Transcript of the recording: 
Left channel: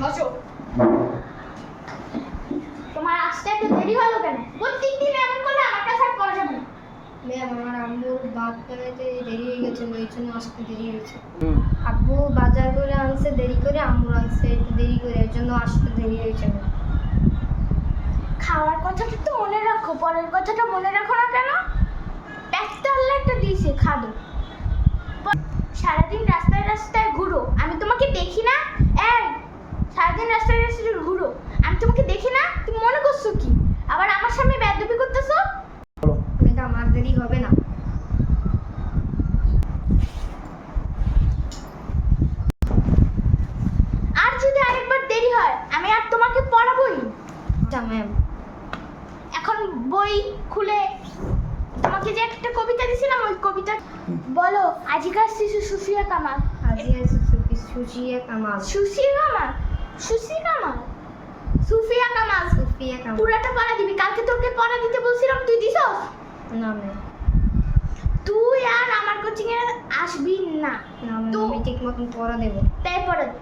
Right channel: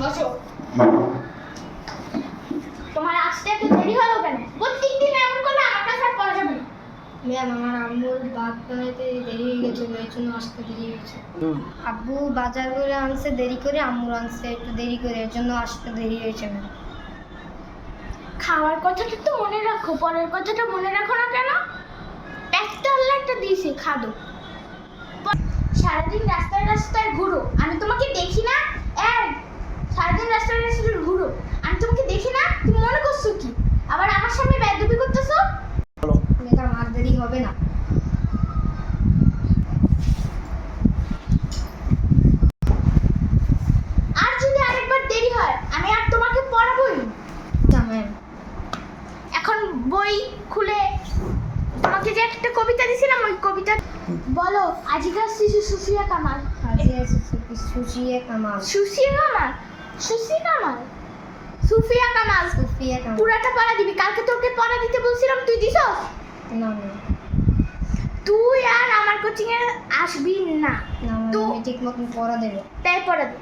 বসো। তোমার আসতে এত দেরি হলো কেন? প্রত্যেক দিন এমন করলে আমার কাছে আর পড়া যাবে না। ম্যাম আমার আম্মুর ভাত বানাইতে দেরি হয়ে গেছে, এই জন্য আসতে দেরি হয়েছে। আব্বু বাজার করে আনছে দেরি করে, আম্মুর আনছে একটু দেরি করে, এর জন্য আসতে দেরি হয়েছে ম্যাম। খাওয়ার কথাটা তো মনে রাখো, পরের কথাটা মনে রাখো না কেন? একটা আল্লাহ একটা দিয়েছে, খাদো। সারাদিন রাস্তায় রাস্তায় ঘুরো, আমি তোমাকে দেখি না? সারাদিন রাস্তায় রাস্তায় ঘুরো, আমি তোমাকে দেখি না? তুমি মনে করছো কি আবার আমার সামনে বেয়াদবি করতেছো? ম্যাডাম আর দেরি হবে না। আর যদি আরেকবার দেরি হয় আমি আর তোমাকে পড়াবোই। আচ্ছা ম্যাম। এখন বই খুলে তোমাকে যে একটা কবিতা দিয়েছিলাম ওই কবিতা বলো। আজিকার শিশু সুফিয়া কামাল। আজিয়া সুশিয়া কামাল। সুফিয়া কামাল, সুফিয়া কামাল, সুফিয়া কামাল। সুফিয়া কামাল। পুরাটা পড়া দিবি। কালকে তোকে পড়া দিতে বলছিলাম, তুই দিছস? না ম্যাম। তুই আর আমার কোচিং এ আসবি না। না ম্যাম, তো আমি ঠিক মতন পড়া দেবো। তাই পড়া দে।